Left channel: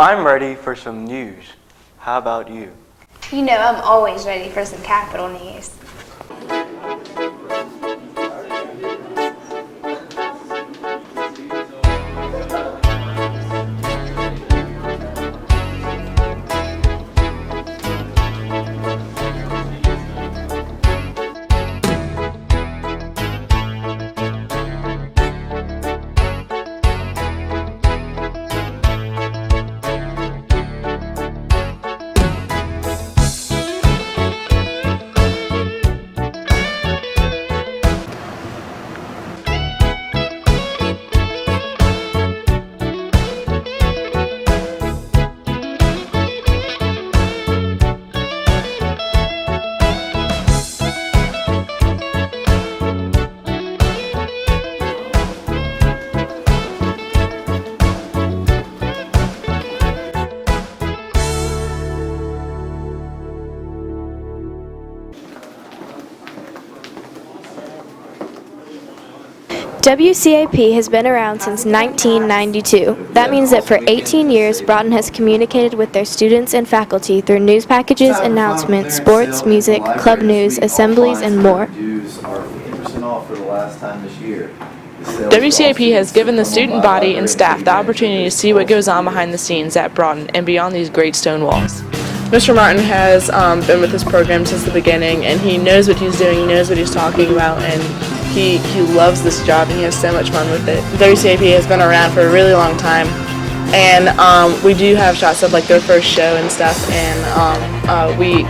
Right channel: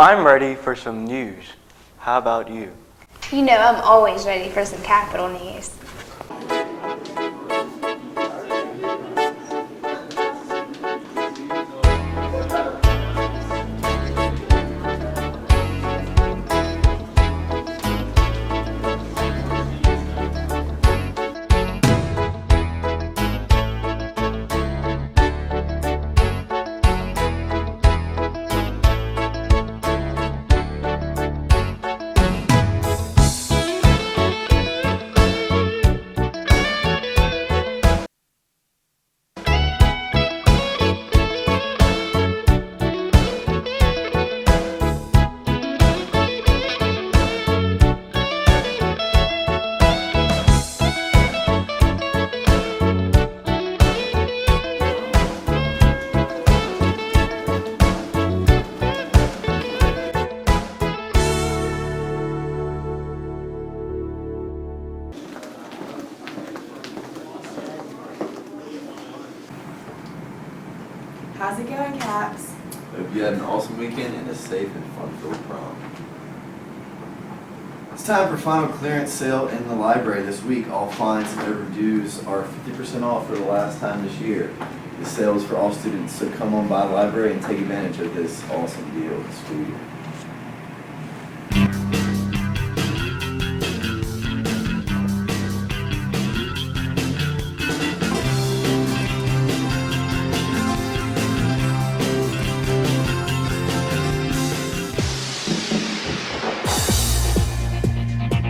I'm ready for some news. How about you? You know, I'm always ready for some Capitol news. WCAP has been around since 1992. That means that for 18 years, Broughton has communicated with their students and faculty through news packages, announcements, sports, music, club news, assemblies, and more. WCAP has given the student body and staff the opportunity to see what goes on behind the scenes at Broughton and beyond these great stone walls. Mr. Martin has been with this program since the beginning, and he knows what he's doing, he knows what he's talking about, and he loves this job and he has so much fun with it. WCAP has been around for a really long time, and we do have shots of like their first show and stuff, and we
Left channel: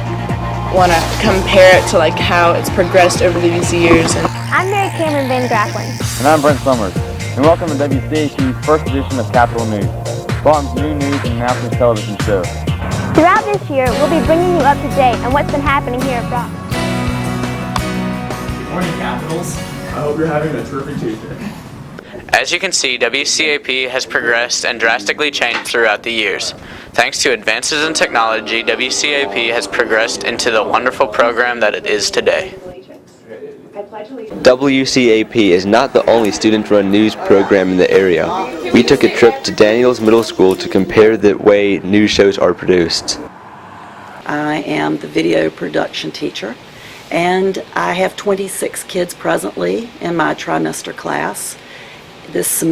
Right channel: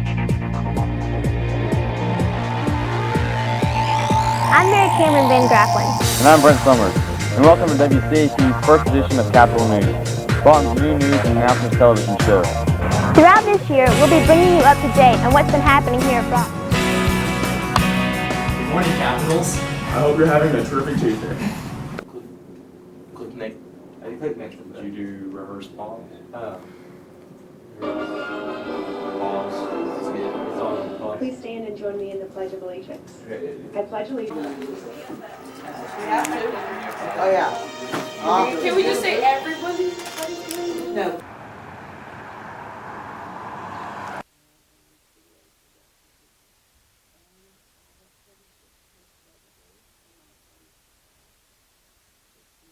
want to compare it to like how it's progressed over these years. I'm Mary Cameron Van Graflin. And I'm Brent Summers, and welcome to WCAP's first edition of Capitol News, Broughton's new news and announcements television show. Throughout this year, we'll be bringing you up to date on what's been happening here at Broughton. Good morning, Capitals. I hope you're having a terrific Tuesday. As you can see, WCAP has progressed and drastically changed throughout the years. Thanks to advances in technology, WCAP has progressed into the wonderful program that it is today. WCAP is not the only student-run news program in the area. We took a trip to Daniels Middle School to compare the way news shows are produced. I am the video production teacher, and I have 26 kids presently in my trimester class. This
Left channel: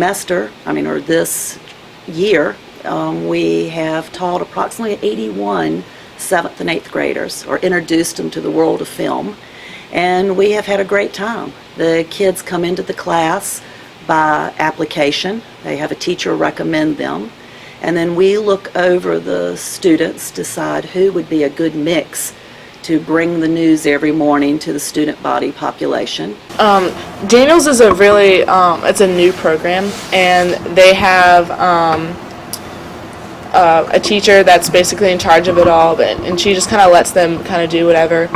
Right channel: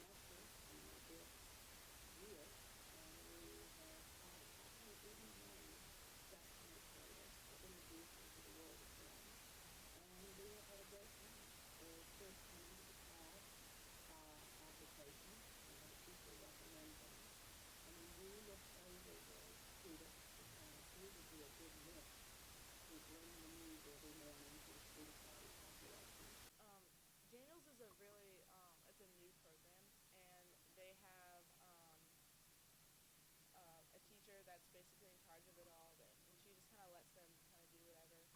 year, we have taught approximately 81 7th and 8th graders, or introduced them to the world of film, and we have had a great time. The kids come into the class by application. They have a teacher recommend them, and then we look over the students, decide who would be a good mix to bring the news every morning to the student body population. Daniels is a really, it's a new program, and they have a teacher that's basically in charge of it all, and she just kind of lets them kind of do whatever,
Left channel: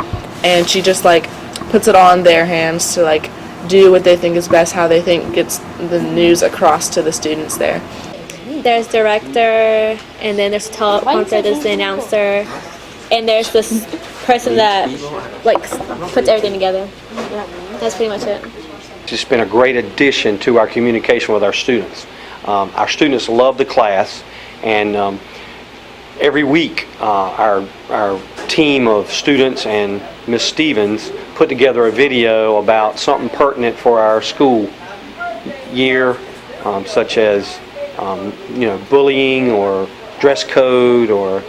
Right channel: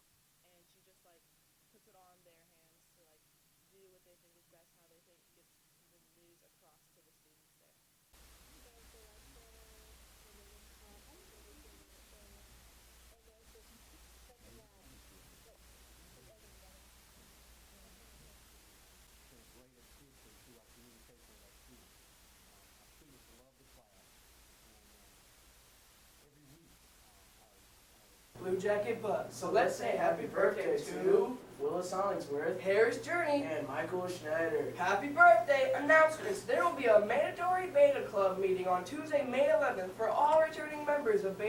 and she just like puts it all in their hands to like do what they think is best, how they think gets the news across to the students there. There's director, and then there's teleprompter, there's the announcer, and there's this person that like puts everything together. Yeah, that's pretty much it. It's been a great addition to our communication with our students. Our students love the class, and every week our team of students and Ms. Stevens put together a video about something pertinent for our school year, such as bullying or dress code or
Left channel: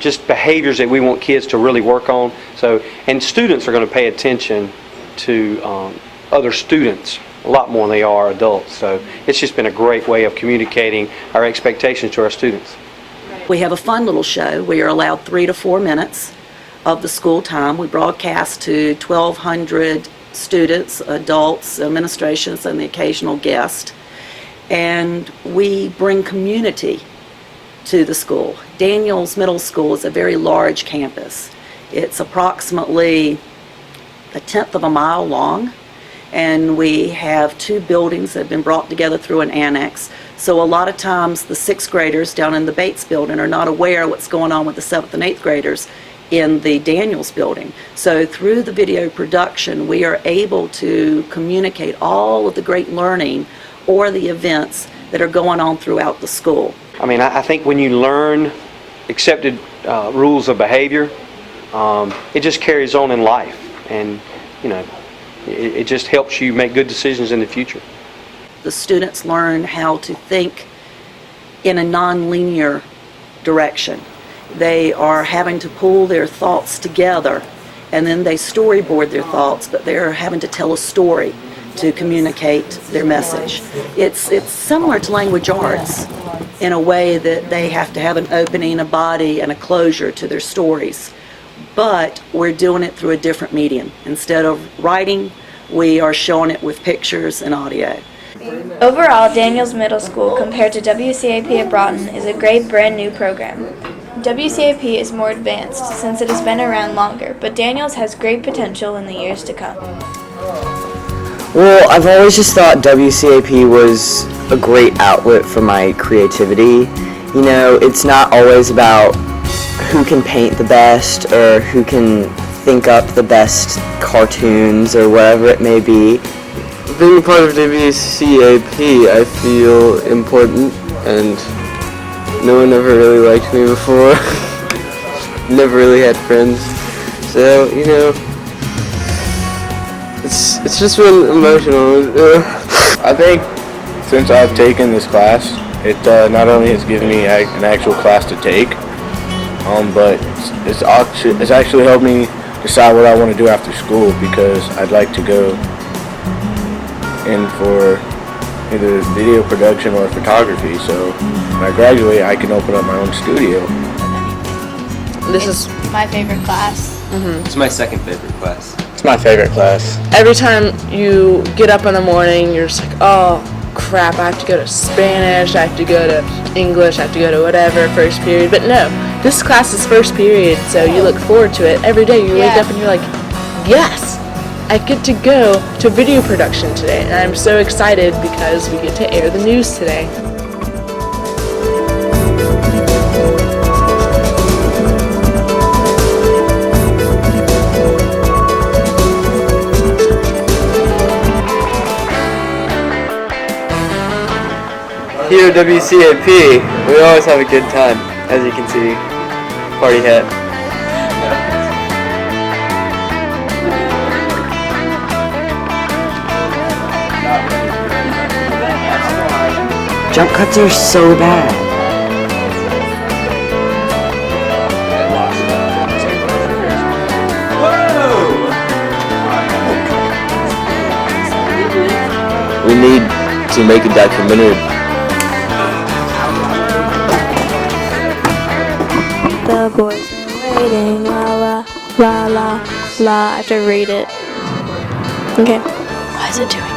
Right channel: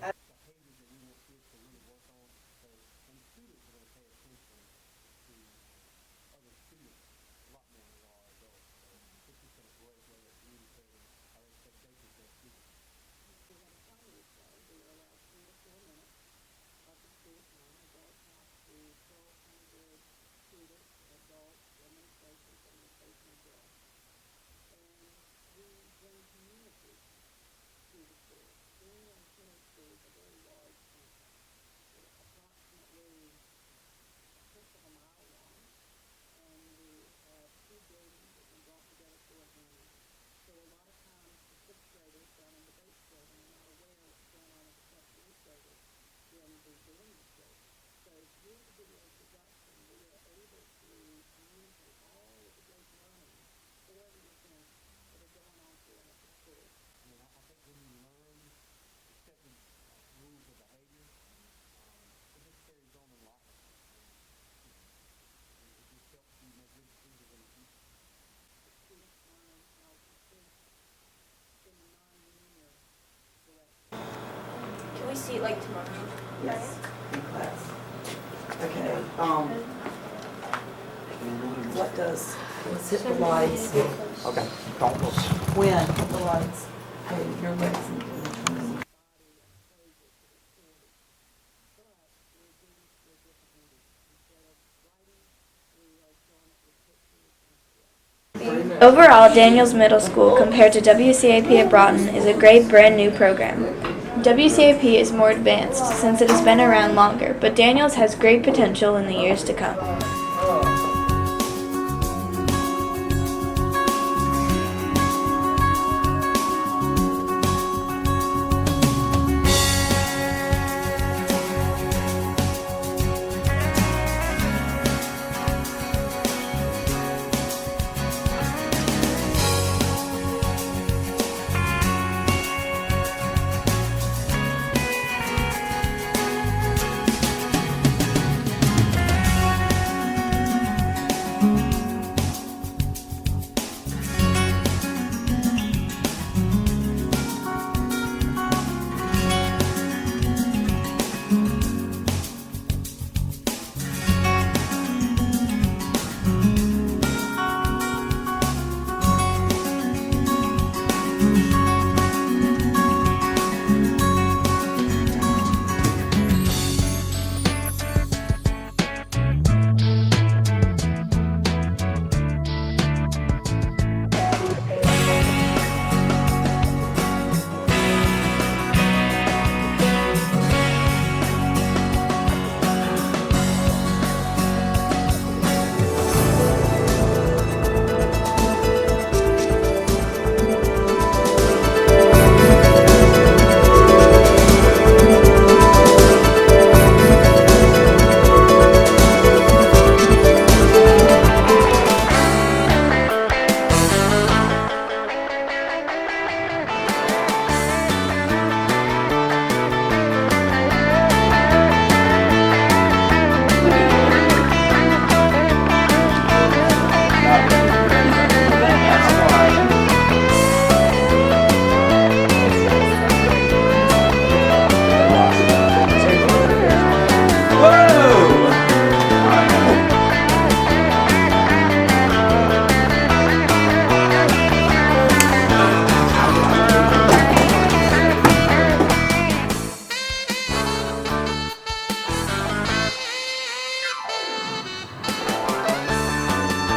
just behaviors that we want kids to really work on. And students are going to pay attention to other students a lot more than they are adults. So it's just been a great way of communicating our expectations to our students. We have a fun little show. We are allowed 3 to 4 minutes of the school time. We broadcast to 1,200 students, adults, administrations, and the occasional guest. And we bring community to the school. Daniels Middle School is a very large campus. It's approximately 1/10 of a mile long, and we have 2 buildings that have been brought together through an annex. So a lot of times the 6th graders down in the Bates building are not aware of what's going on with the 7th and 8th graders in the Daniels building. So through the video production, we are able to communicate all of the great learning or the events that are going on throughout the school. I mean, I think when you learn accepted rules of behavior, it just carries on in life, and you know, it just helps you make good decisions in the future. The students learn how to think in a non-linear direction. They are having to pull their thoughts together, and then they storyboard their thoughts, but they're having to tell a story to communicate their message. It's similar to language arts in a way that they have to have an opening, a body, and a closure to their stories. But we're doing it through a different medium. Instead of writing, we are showing it with pictures and audio. Overall, Daniels Middle School, compared to WCAP at Broughton, is a great brand new program. WCAP is more advanced since it has been around longer, but Daniels has great potential in the years to come. Well, I've always just thought WCAP was a great outlet for my creativity. You know, it's not always about who can paint the best or who can think up the best cartoons or whatever it may be. Being a part of WCAP, I feel important, and no one ever really liked me before. Never really had friends, so, you know, it's just been emotional. I think since I've taken this class, it not only has given me an actual class to take, but it's actually helped me decide what I want to do after school, because I'd like to go in for either video production or photography. So when I graduate, I can open up my own studio. This is my favorite class. It's my second favorite class. It's my favorite class. Every time you get up in the morning, you're just like, oh crap, I have to go to Spanish, I have to go to English, I have to go to whatever, first period. But no, this class is first period, so you look forward to it. Every day you wake up and you're like, yes, I get to go to video production today. And I'm so excited because we get to air the news today. Here at WCAP, we always have a good time, as you can see. Party hat. Jump cuts are so bad. We need to make a documentary. The boys are waiting, la la la la la. I have to read it. Okay. Why is it doing